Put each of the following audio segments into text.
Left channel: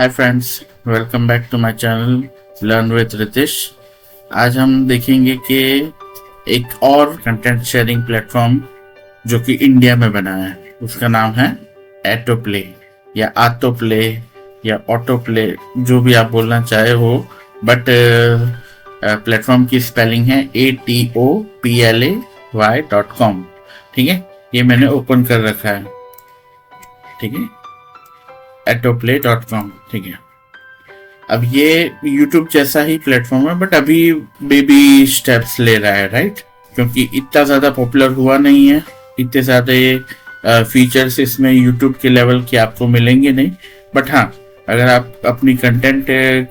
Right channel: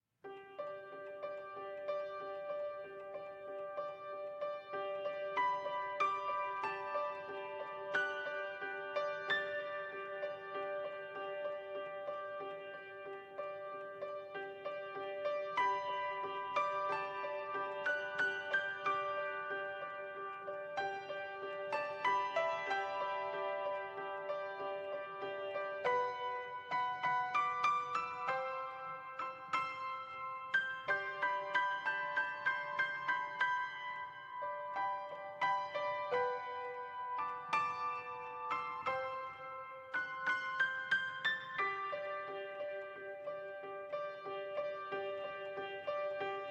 Hi friends, welcome back to my channel learn with Ritish. आज हम देखेंगे कि एक और कंटेंट शेयरिंग प्लेटफॉर्म जो कि इंडिया में बना है, उसका नाम है एटो प्ले या आतो प्ले या ऑटो प्ले, जो भी आप बोलना चाहे हो। बट प्लेटफॉर्म की स्पेलिंग है ATOPLAY.com। ठीक है, ये मैंने ओपन कर रखा है। ठीक है, atoplay.com। ठीक है, अब ये YouTube जैसा ही प्लेटफॉर्म है, बट अभी बेबी स्टेप्स ले रहा है, राइट? क्योंकि इतना ज़्यादा पॉपुलर हुआ नहीं है, इतने ज़्यादा फीचर्स इसमें YouTube के लेवल के आपको मिलेंगे नहीं। बट हाँ, अगर आप अपनी कंटेंट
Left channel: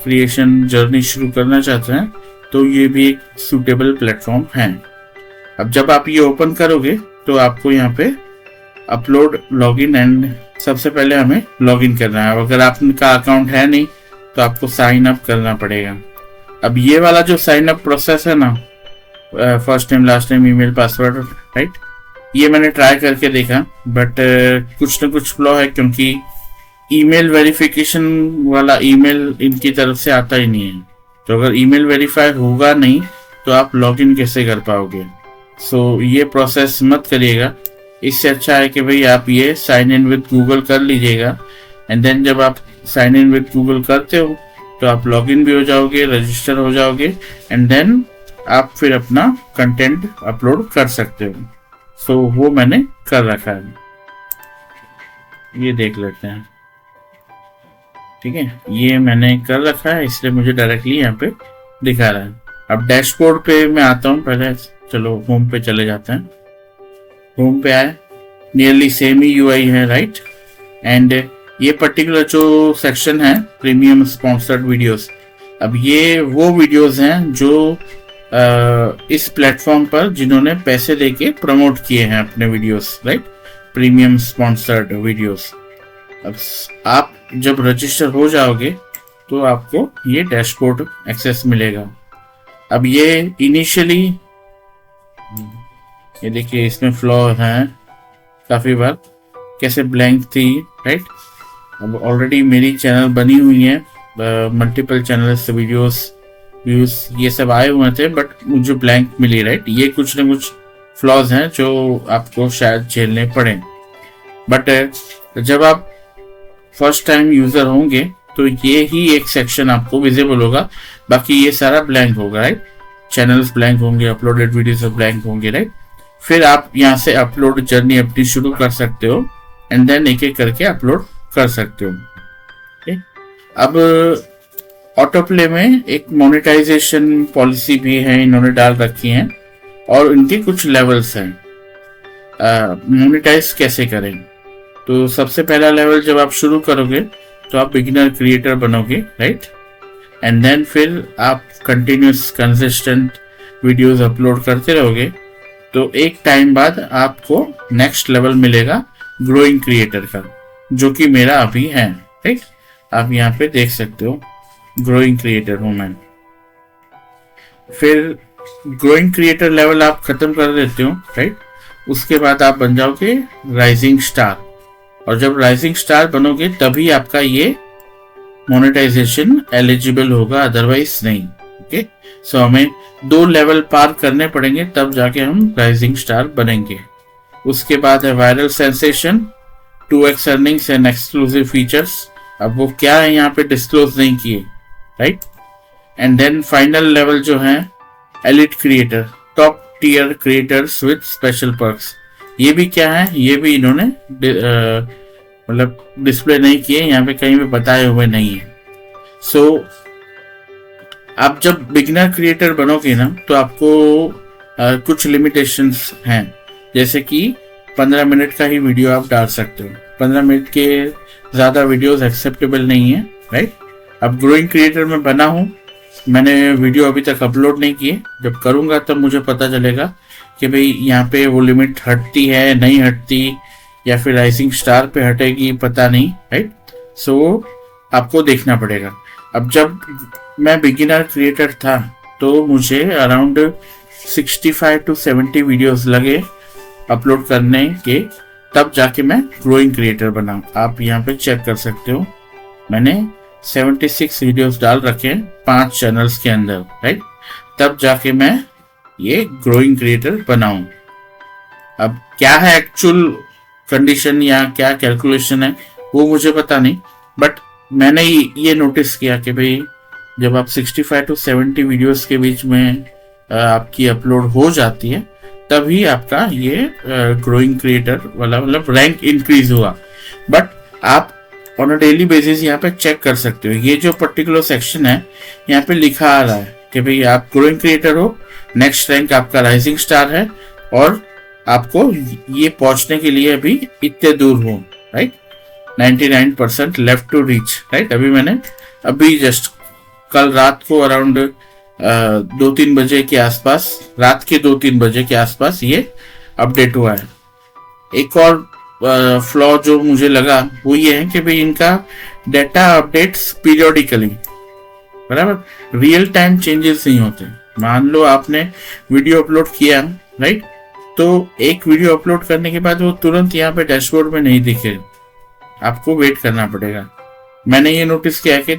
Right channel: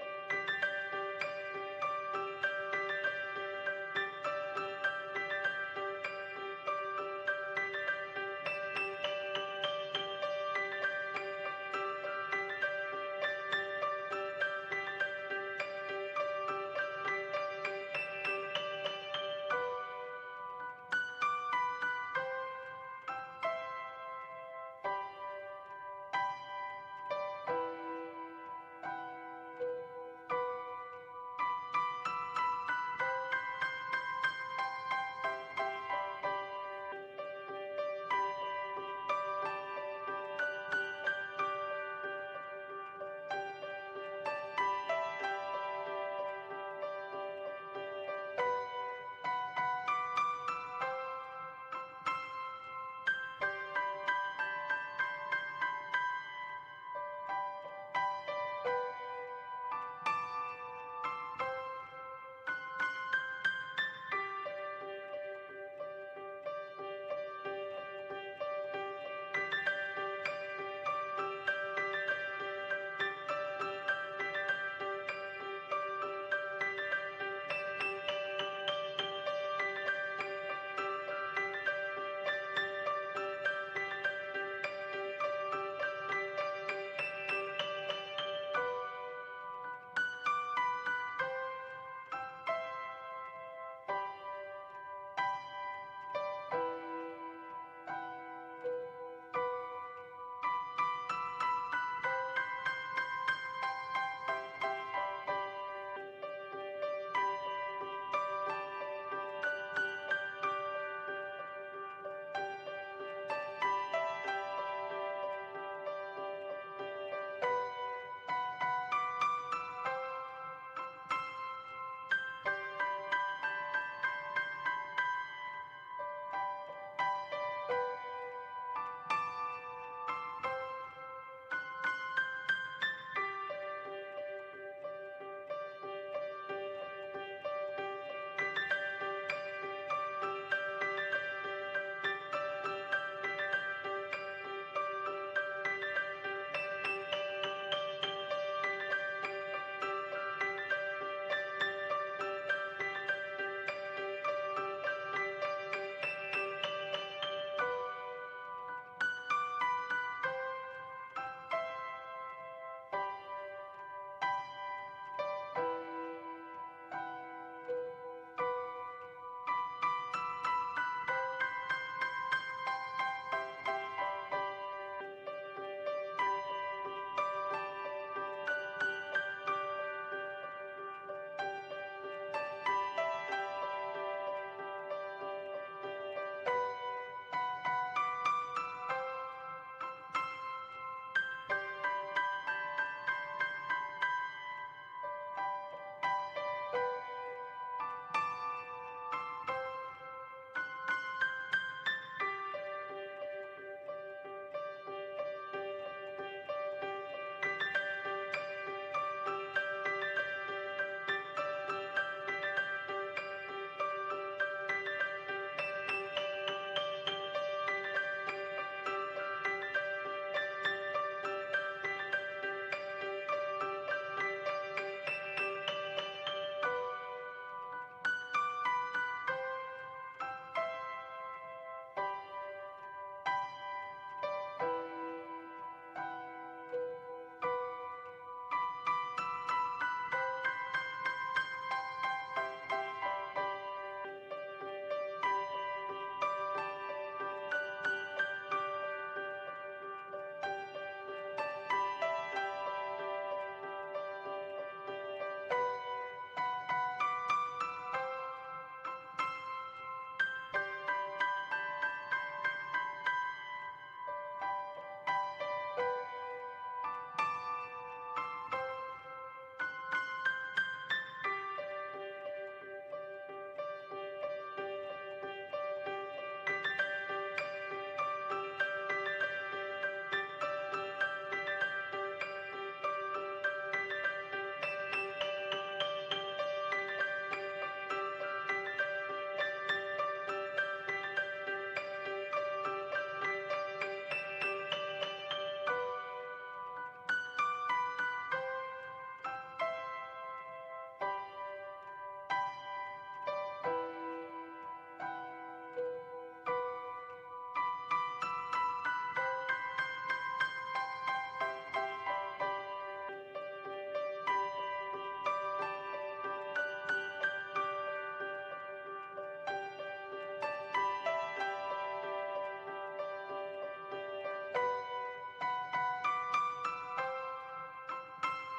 क्रिएशन जर्नी शुरू करना चाहते हैं तो ये भी एक सूटेबल प्लेटफॉर्म है। अब जब आप ये ओपन करोगे तो आपको यहाँ पे अपलोड, लॉगिन एंड सबसे पहले हमें लॉगिन करना है। अगर आपका अकाउंट है नहीं तो आपको साइन अप करना पड़ेगा। अब ये वाला जो साइन अप प्रोसेस है ना, first name last name email password, right, ये मैंने ट्राई करके देखा, बट कुछ ना कुछ फ्लॉ है, क्योंकि ईमेल वेरिफिकेशन वाला ईमेल इनकी तरफ से आता ही नहीं है। तो अगर ईमेल वेरीफाई होगा नहीं तो आप लॉगिन कैसे कर पाओगे? सो ये प्रोसेस मत करिएगा। इससे अच्छा है कि भाई आप ये साइन इन विद गूगल कर लीजिएगा, एंड देन जब आप साइन इन विद गूगल करते हो तो आप लॉगिन भी हो जाओगे, रजिस्टर हो जाओगे, एंड देन आप फिर अपना कंटेंट अपलोड कर सकते हो। सो वो मैंने कर रखा है, ये देख लेते हैं। ठीक है, ये मैंने कर रखा है, इसलिए मुझे डायरेक्टली यहाँ पे दिखा रहा है। अब डैशबोर्ड पे मैं आता हूँ, पहले चलो होम पे चले जाते हैं। होम पे आए, नियरली सेम ही यूआई है, राइट? एंड ये पर्टिकुलर जो सेक्शन है प्रीमियम स्पॉन्सर्ड वीडियोस, अब ये वो वीडियोस हैं जो इस प्लेटफॉर्म पर जिन्होंने पैसे देके प्रमोट किए हैं अपने videos, right? Premium sponsored videos. अब आप जब रजिस्टर हो जाओगे तो आपको ये डैशबोर्ड एक्सेस मिलेगा। अब ये इनिशियली, ये देखिए इसमें फ्लॉ है काफ़ी बार, कैसे ब्लैंक थी, राइट? अब ऑलरेडी मेरी चैनल बनी हुई है, मल्टीपल चैनल्स, वीडियोस, व्यूज ये सब आए हुए थे, बट मुझे ब्लैंक मिली, राइट? ये कुछ ना कुछ फ्लॉज हैं जो आपको शायद झेलने पड़े। बट जब आप फर्स्ट टाइम यूज़र होंगे तो ये ही एक सेक्शन आपको विजिबल होगा, बाकी ये सारा ब्लैंक होगा, राइट? चैनल्स ब्लैंक होंगे, अपलोडेड वीडियोस ब्लैंक होंगे, राइट? फिर आप यहाँ से अपलोड जर्नी अपनी शुरू कर सकते हो, एंड देन एक एक करके अपलोड कर सकते हो। okay? अब ऑटो प्ले में एक मोनेटाइजेशन पॉलिसी भी है, इन्होंने डाल रखी है, और इनके कुछ लेवल्स हैं। मोनेटाइज कैसे करें? तो सबसे पहला लेवल, जब आप शुरू करोगे तो आप बिगिनर क्रिएटर बनोगे, राइट? एंड देन फिर आप कंटिन्यूस कंसिस्टेंट वीडियोस अपलोड करते रहोगे, तो एक टाइम बाद आपको नेक्स्ट लेवल मिलेगा ग्रोइंग क्रिएटर का, जो कि मेरा अभी है, राइट? आप यहाँ पे देख सकते हो ग्रोइंग क्रिएटर हूँ मैं। फिर ग्रोइंग क्रिएटर लेवल आप खत्म कर देते हो, राइट? उसके बाद आप बन जाओगे राइजिंग स्टार, और जब राइजिंग स्टार बनोगे तभी आपका ये मोनेटाइजेशन एलिजिबल होगा, अदरवाइज नहीं। ओके, सो हमें 2 लेवल पार करने पड़ेंगे तब जाके हम राइजिंग स्टार बनेंगे। उसके बाद है viral sensation, 2x earnings and exclusive features. अब वो क्या है यहाँ पे डिस्क्लोज नहीं किए, right? And then final level जो है elite creator, top tier creators with special perks. ये भी क्या है, ये भी इन्होंने मतलब डिस्प्ले नहीं किए, यहाँ पे कहीं भी बताए हुए नहीं है। सो आप जब बिगिनर क्रिएटर बनोगे ना तो आपको कुछ लिमिटेशंस हैं, जैसे कि 15 मिनट का ही वीडियो आप डाल सकते हो। 15 मिनट के ज़्यादा वीडियोस एक्सेप्टेबल नहीं है, राइट? अब ग्रोइंग क्रिएटर में बना हूँ, मैंने वीडियो अभी तक अपलोड नहीं किए, जब करूँगा तब मुझे पता चलेगा कि भाई यहाँ पे वो लिमिट हटती है नहीं हटती, या फिर राइजिंग स्टार पे हटेगी, पता नहीं, राइट? सो आपको देखना पड़ेगा। अब जब मैं बिगिनर क्रिएटर था तो मुझे अराउंड 65 to 70 वीडियोस लगे अपलोड करने के, तब जाके मैं ग्रोइंग क्रिएटर बना। आप यहाँ पे चेक कर सकते हो, मैंने 76 वीडियोस डाल रखे हैं 5 चैनल्स के अंदर, राइट। तब जाके मैं ये ग्रोइंग क्रिएटर बनाऊं। अब क्या है एक्चुअल कंडीशन या क्या कैलकुलेशन है वो मुझे पता नहीं, बट मैंने ये नोटिस किया कि भाई जब आप 65 to 70 वीडियोस के बीच में आपकी अपलोड हो जाती है, तभी आपका ये ग्रोइंग क्रिएटर वाला मतलब रैंक इंक्रीज हुआ। बट आप ऑन अ डेली बेसिस यहाँ पे चेक कर सकते हो। ये जो पर्टिकुलर सेक्शन है यहाँ पे लिखा आ रहा है कि भाई आप ग्रोइंग क्रिएटर हो, नेक्स्ट रैंक आपका राइजिंग स्टार है, और आपको ये पहुंचने के लिए अभी इतने दूर हो, right. 99% left to reach, right. अभी जस्ट कल रात को अराउंड 2-3 बजे के आसपास, रात के 2-3 बजे के आसपास ये अपडेट हुआ है। एक और फ्लॉ जो मुझे लगा वो ये है कि भाई इनका डेटा अपडेट्स पीरियोडिकली, बराबर रियल टाइम चेंजेस नहीं होते। मान लो आपने वीडियो अपलोड किया, राइट, तो एक वीडियो अपलोड करने के बाद वो तुरंत यहाँ पे डैशबोर्ड में नहीं दिखे, आपको वेट करना पड़ेगा। मैंने ये नोटिस किया कि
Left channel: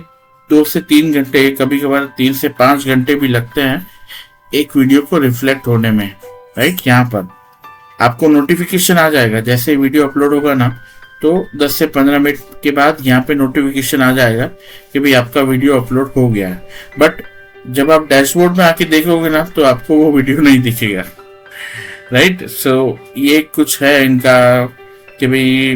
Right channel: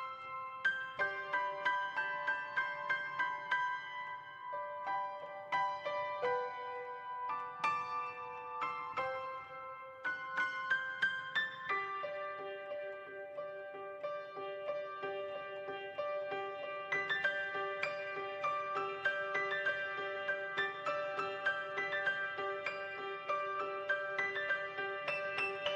2 से 3 घंटे, कभी कभार 3 से 5 घंटे भी लगते हैं एक वीडियो को रिफ्लेक्ट होने में, राइट। यहाँ पर आपको नोटिफिकेशन आ जाएगा जैसे वीडियो अपलोड होगा ना, तो 10 से 15 मिनट के बाद यहाँ पे नोटिफिकेशन आ जाएगा कि भाई आपका वीडियो अपलोड हो गया है। बट जब आप डैशबोर्ड में आके देखोगे ना, तो आपको वो वीडियो नहीं दिखेगा, राइट। सो ये कुछ है इनका कि भाई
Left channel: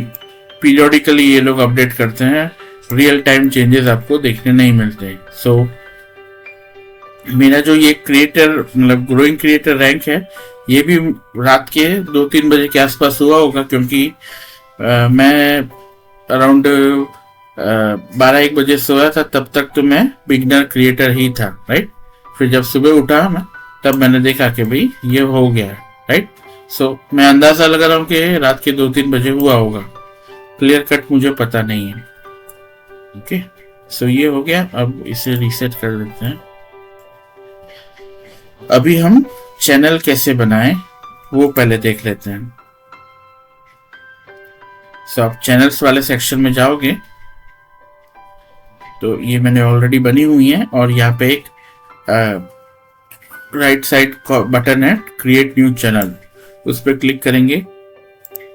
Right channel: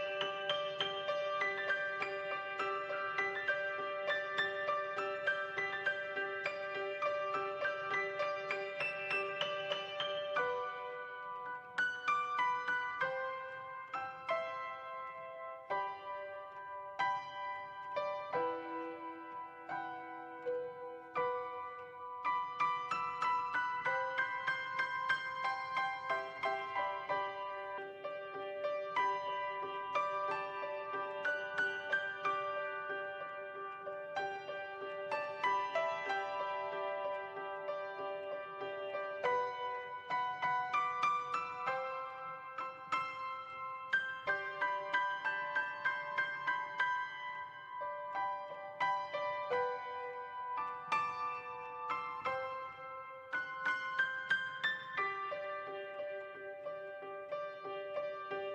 पीरियोडिकली ये लोग अपडेट करते हैं, रियल टाइम चेंजेस आपको देखने नहीं मिलते। सो मेरा जो ये क्रिएटर मतलब ग्रोइंग क्रिएटर रैंक है, ये भी रात के 2-3 बजे के आसपास हुआ होगा, क्योंकि मैं अराउंड 12-1 बजे सोया था, तब तक तो मैं बिगनर क्रिएटर ही था, राइट। फिर जब सुबह उठा मैं, तब मैंने देखा कि भाई ये हो गया है, राइट। सो मैं अंदाजा लगा रहा हूँ कि रात के 2-3 बजे हुआ होगा, क्लियर कट मुझे पता नहीं है। ओके, सो ये हो गया। अब इसे रीसेट कर देते हैं। अभी हम चैनल कैसे बनाएं वो पहले देख लेते हैं। सो आप चैनल्स वाले सेक्शन में जाओगे तो ये मैंने ऑलरेडी बनी हुई है, और यहाँ पे एक राइट साइड बटन है क्रिएट न्यू चैनल, उस पर क्लिक करेंगे,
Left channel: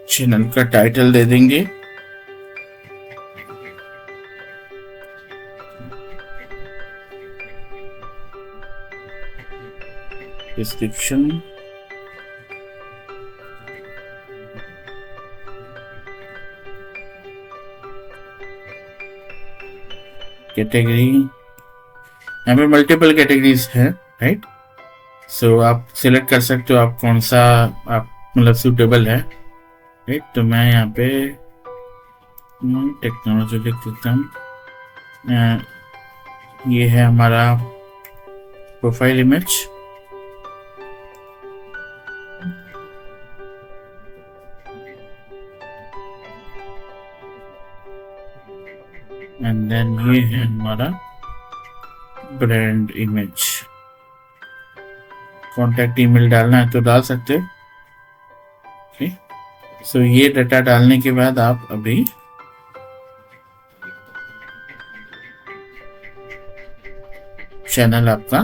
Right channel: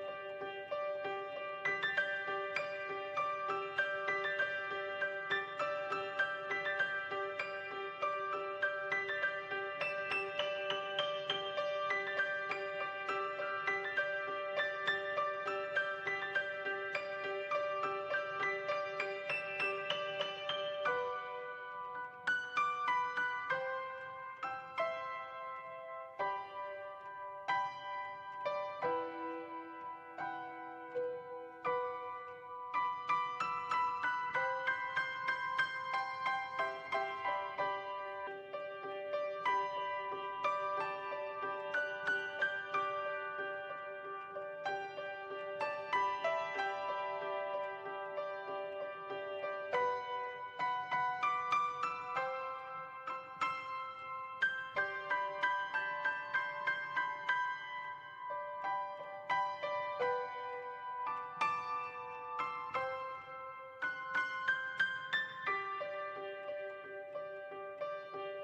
चैनल का टाइटल दे देंगे, डिस्क्रिप्शन, कैटेगरी, यहाँ पे मल्टीपल कैटेगरीज है, राइट। सो आप सिलेक्ट कर सकते हो आप कौन सा आप मतलब सूटेबल है, राइट। तो मैं यहाँ पे टेक्नोलॉजी लिख देता हूँ। ये है हमारा प्रोफाइल इमेज, एंड देन ये है हमारा ब्रांड इमेज। कॉन्टैक्ट ईमेल डालना है तो डाल सकते हो, ओके। सो ये डाटा डालने के बाद आप अभी चैनल आपका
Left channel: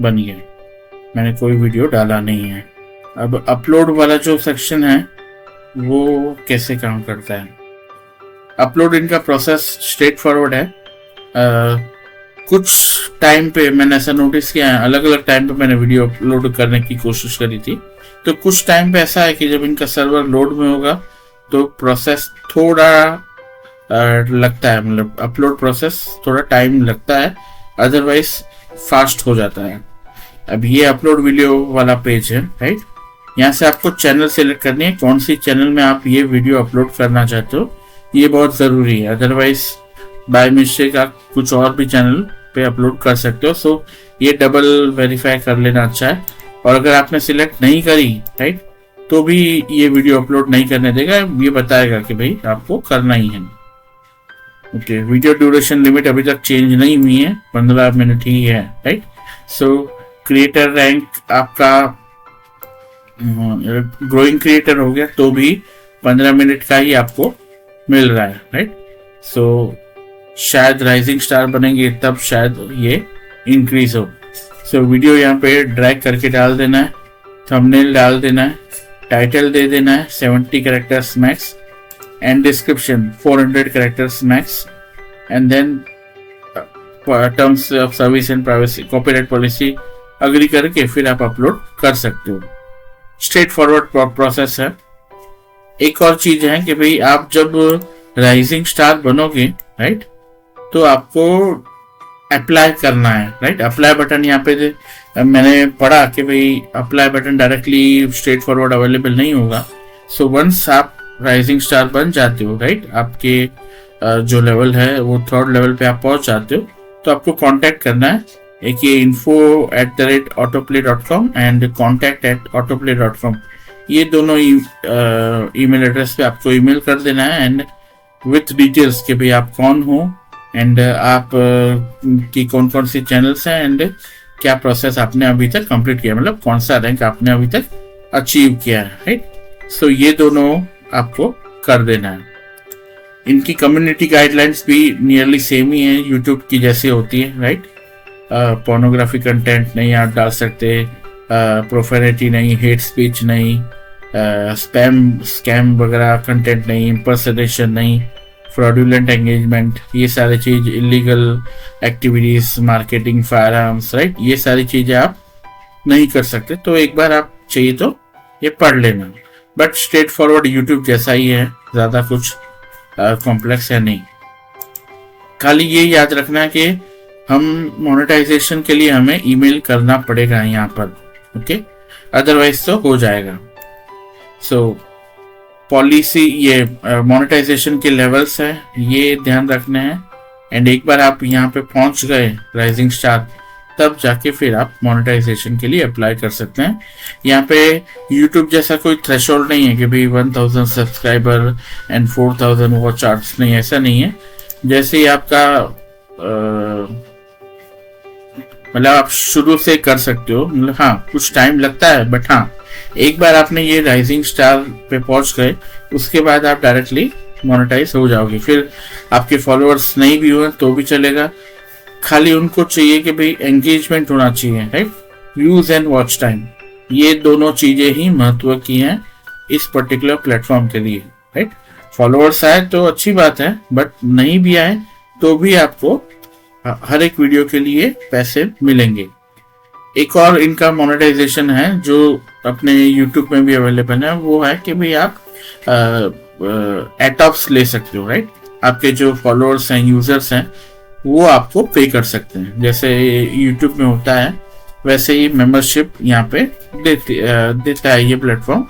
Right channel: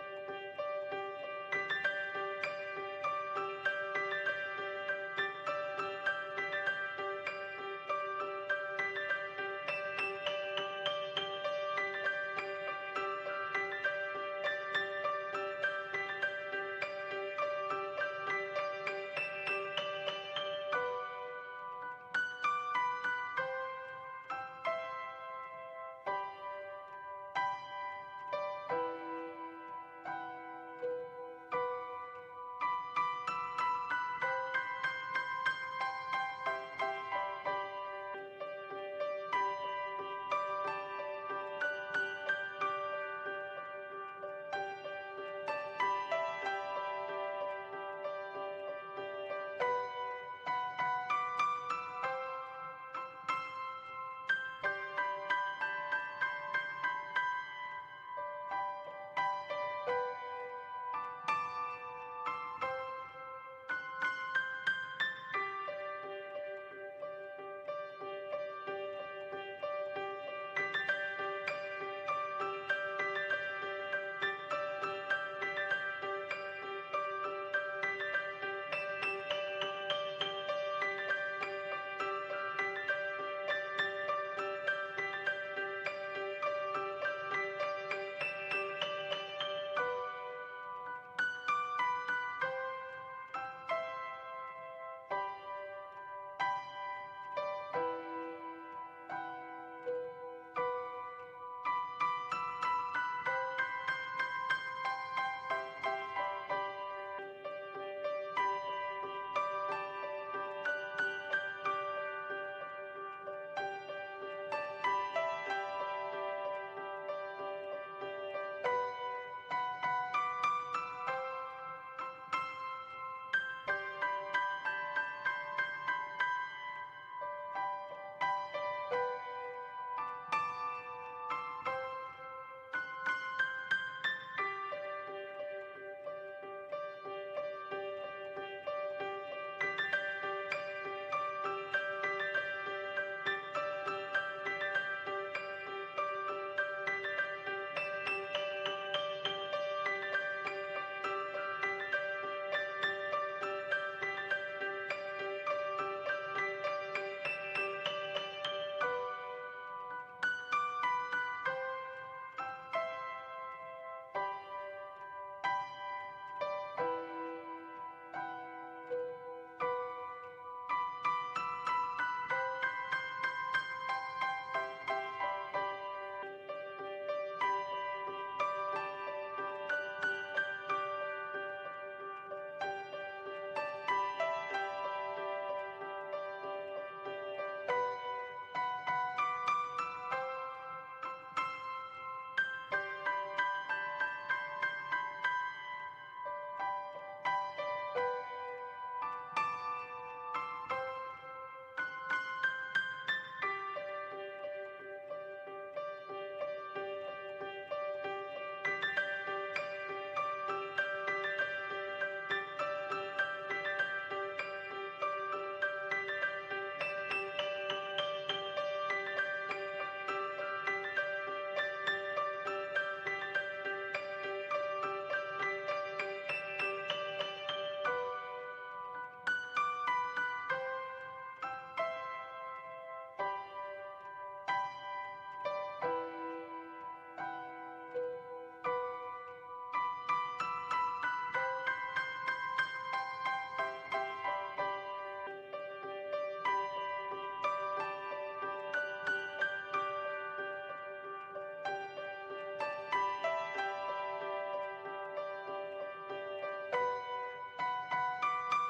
बन गया। मैंने कोई वीडियो डाला नहीं है। अब अपलोड वाला जो सेक्शन है वो कैसे काम करता है। अपलोड इनका प्रोसेस स्ट्रेट फॉरवर्ड है। कुछ टाइम पे मैंने ऐसा नोटिस किया है, अलग अलग टाइम पे मैंने वीडियो अपलोड करने की कोशिश करी थी, तो कुछ टाइम पे ऐसा है कि जब इनका सर्वर लोड में होगा तो प्रोसेस थोड़ा लगता है, मतलब अपलोड प्रोसेस थोड़ा टाइम लगता है, अदरवाइज फास्ट हो जाता है। अब ये अपलोड वीडियो वाला पेज है, राइट। यहाँ से आपको चैनल सेलेक्ट करनी है, कौन सी चैनल में आप ये वीडियो अपलोड करना चाहते हो, ये बहुत ज़रूरी है, अदरवाइज बाय मिस्टेक आप कुछ और भी चैनल पे अपलोड कर सकते हो। सो ये डबल वेरीफाई कर लेना अच्छा है। और अगर आपने सिलेक्ट नहीं करी, राइट, तो भी ये वीडियो अपलोड नहीं करने देगा, ये बताएगा कि भाई आपको करना ही है। ओके, वीडियो ड्यूरेशन लिमिट अभी तक चेंज नहीं हुई है, 15 मिनट ही है, राइट। सो क्रिएटर रैंक आपका ग्रोइंग क्रिएटर हो गया तो भी 15 मिनट का ही आपको मिल रहा है, राइट। सो शायद राइजिंग स्टार बनेंगे तब शायद ये इंक्रीज हो। सो वीडियो यहाँ पे ड्रैग करके डाल देना है, थंबनेल डाल देना है, टाइटल दे देना है 70 characters max, and description 400 characters max, and then terms of service and privacy copyright policy agree करके फिर आप अपलोड कर सकते हो। स्ट्रेट फॉरवर्ड प्रोसेस है। एक और चीज है कि भाई आप जब राइजिंग स्टार बनोगे, राइट, तो आपको अप्लाई करना है, राइट। अप्लाई बटन यहाँ पे मैंने पढ़ा कि भाई apply button directly straight forward available नहीं होगा। सो वंस आप राइजिंग स्टार बन जाते हो, राइट, आपके जो लेवल है वो 3rd लेवल पे आप पहुंच जाते हो, तो आपको कांटेक्ट करना है। एक ये info@autoplay.com एंड contact@autoplay.com, ये दोनों ईमेल एड्रेस पे आपको ईमेल कर देना है, एंड विथ डिटेल्स कि भाई आप कौन हो, एंड आप की कौन कौन सी चैनल्स हैं, एंड क्या प्रोसेस आपने अभी तक कंप्लीट किया, मतलब कौन सा रैंक आपने अभी तक अचीव किया है, राइट। सो ये दोनों आपको कर देना है। इनकी कम्युनिटी गाइडलाइंस भी नियरली सेम ही है यूट्यूब की जैसे होती है, राइट। पोर्नोग्राफी कंटेंट नहीं आप डाल सकते, प्रोफेनिटी नहीं, हेट स्पीच नहीं, स्कैम वगैरह कंटेंट नहीं, इम्पर्सनेशन नहीं, फ्रॉडुलेंट एंगेजमेंट, ये सारी चीज, illegal activities, marketing, fire arms, right, ये सारी चीजें आप नहीं कर सकते। तो एक बार आप चाहिए तो ये पढ़ लेना, बट स्ट्रेट फॉरवर्ड यूट्यूब जैसा ही है, ज्यादा कुछ कॉम्प्लेक्स है नहीं। खाली ये याद रखना कि हम मोनेटाइजेशन के लिए हमें ईमेल करना पड़ेगा यहाँ पर, ओके, अदरवाइज तो हो जाएगा। सो पॉलिसी, ये मोनेटाइजेशन के लेवल्स है, ये ध्यान रखने हैं। एंड एक बार आप यहाँ पे पहुंच गए राइजिंग स्टार, तब जाके फिर आप मोनेटाइजेशन के लिए अप्लाई कर सकते हैं। यहाँ पे यूट्यूब जैसा कोई थ्रेशोल्ड नहीं है कि भाई 1000 सब्सक्राइबर एंड 4000 वॉच आवर्स, नहीं, ऐसा नहीं है। जैसे ही आपका मतलब आप शुरू से कर सकते हो, मतलब हाँ कुछ टाइम लगता है, बट हाँ एक बार आपने ये राइजिंग स्टार पे पहुंच गए, उसके बाद आप डायरेक्टली मोनेटाइज हो जाओगे। फिर आपके फॉलोअर्स नहीं भी हुए तो भी चलेगा, खाली उनको चाहिए कि भाई एंगेजमेंट होना चाहिए, right, views and watch time, ये दोनों चीजें ही महत्व की हैं इस पर्टिकुलर प्लेटफॉर्म के लिए, राइट। फॉलोअर्स आए तो अच्छी बात है, बट नहीं भी आए तो भी आपको हर एक वीडियो के लिए पैसे मिलेंगे। एक और इनका मोनेटाइजेशन है जो अपने YouTube में भी अवेलेबल है, वो है कि भाई आप एटॉप्स ले सकते हो, राइट। आपके जो फॉलोअर्स हैं, यूजर्स हैं, वो आपको पे कर सकते हैं। जैसे YouTube में होता है वैसे ही मेंबरशिप यहाँ पे देता है ये प्लेटफॉर्म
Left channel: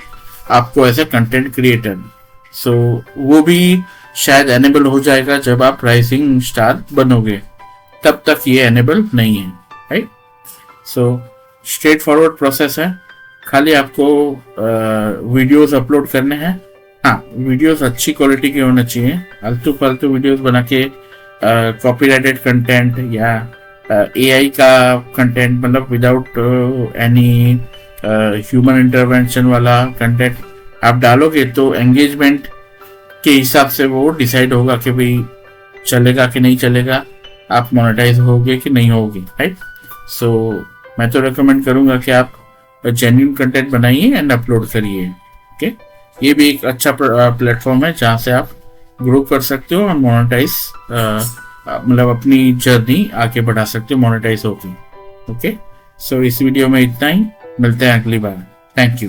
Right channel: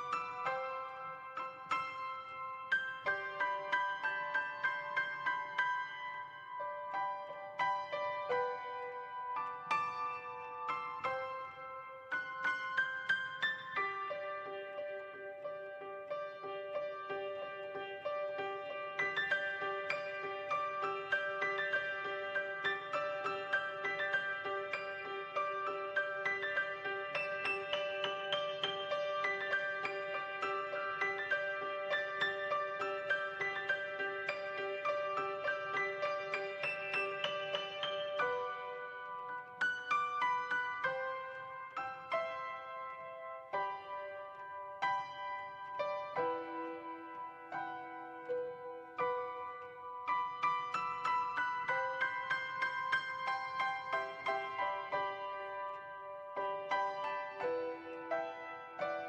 आपको एज ए कंटेंट क्रिएटर। सो वो भी शायद एनेबल हो जाएगा जब आप राइजिंग स्टार बनोगे, तब तक ये एनेबल नहीं है, right. So straight forward process है, खाली आपको वीडियोस अपलोड करने हैं। हाँ, वीडियोस अच्छी क्वालिटी के होने चाहिए, आलतू फालतू वीडियोस बना के कॉपीराइटेड कंटेंट या AI का कंटेंट, मतलब विदाउट एनी ह्यूमन इंटरवेंशन वाला कंटेंट आप डालोगे तो एंगेजमेंट के हिसाब से वो डिसाइड होगा कि भाई चलेगा कि नहीं चलेगा, आप मोनेटाइज होगे कि नहीं होगे, राइट। सो मैं तो रेकमेंड करूंगा कि आप जेन्युइन कंटेंट बनाइए एंड अपलोड करिए, ओके। ये भी एक अच्छा प्लेटफॉर्म है जहाँ से आप ग्रो कर सकते हो और मोनेटाइज मतलब अपनी जर्नी आगे बढ़ा सकते हो मोनेटाइज होकर, ओके। सो इस वीडियो में इतना ही, मिलते हैं अगली बार। Thank you.